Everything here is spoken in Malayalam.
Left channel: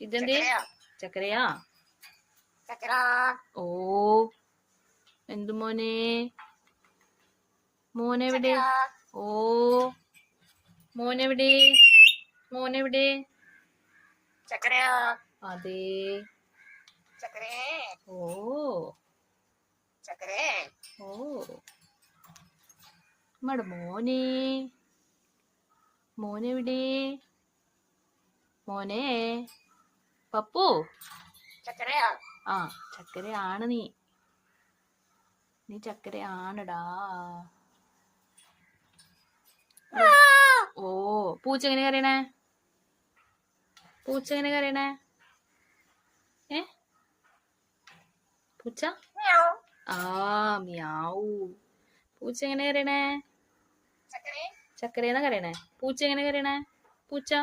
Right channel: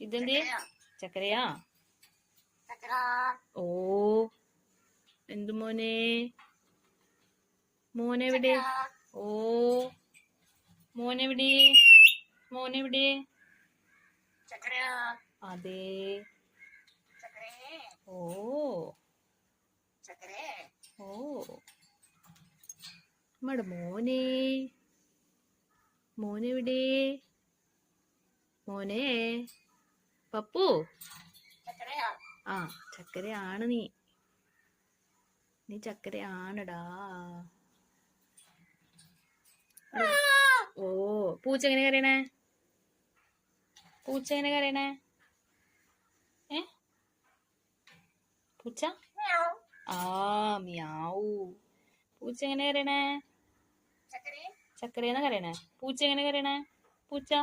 ഇതെന്തേ? ചക്കരയാ? ഓ, എന്തു മോനെ? മോനെവിടെ? ഓ, മോനെവിടെ? മോനെവിടെ? അതെ. ഓ ഓ, നമ്മടെ മോനെ. മോനെവിടെ? മോനെ പപ്പു. ആ, ചക്കരയാണ് നീ. നീ ചക്കരയാണടാ. ഓ, പൂച്ച എങ്ങനെ കരയണേ? പൂച്ച എങ്ങനെ കരയണേ? പൂച്ച ആ, മ്യാവൂ. പൂച്ച എങ്ങനെ കരയണേ? ചക്കരയെന്നാ കരയണേ. പൂച്ച എങ്ങനെ കരയണേ? പൂച്ച